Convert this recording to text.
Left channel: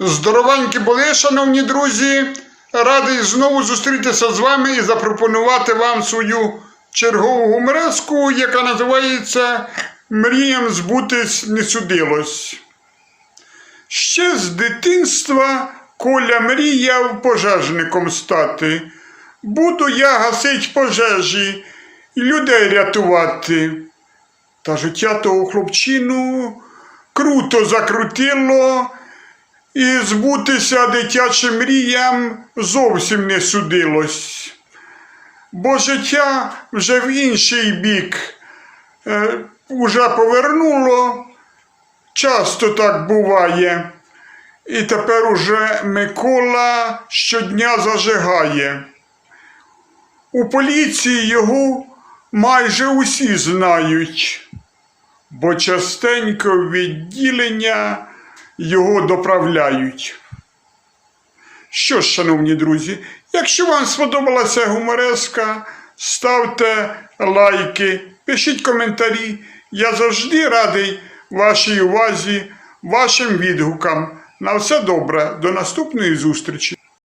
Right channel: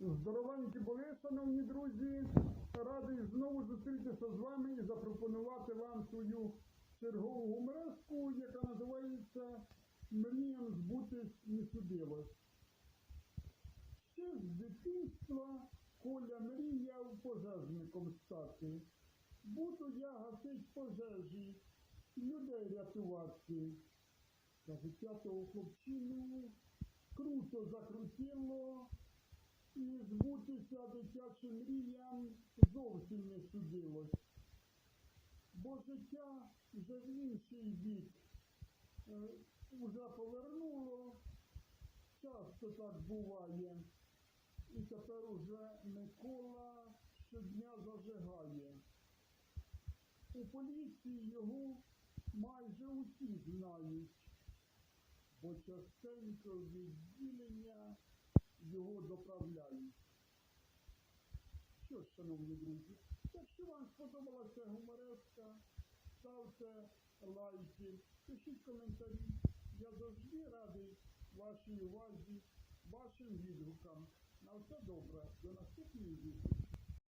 Здоровенькі були, шановні друзі. Радий знову зустрітися з вами і запропонувати вам свою чергову гумореску, яка називається Мріям збутись не судилось. Ще з дитинства Коля мріяв пожежником стати. Буду я гасить пожежі і людей рятувати. Та життя того хлопчину круто закрутило, і збутися дитячим мріям зовсім не судилось. Бо життя вже в інший бік е, уже повернуло. Часто так буває. І тепер уже Микола щодня зажигає. У поліції його майже усі знають, бо частенько відділення його доправляють. Що ж, шановні друзі, якщо вам сподобалася гумореска, ставте лайки, пишіть коментарі. Я завжди радий вашій увазі, вашим відгукам. На все добре, до наступної зустрічі!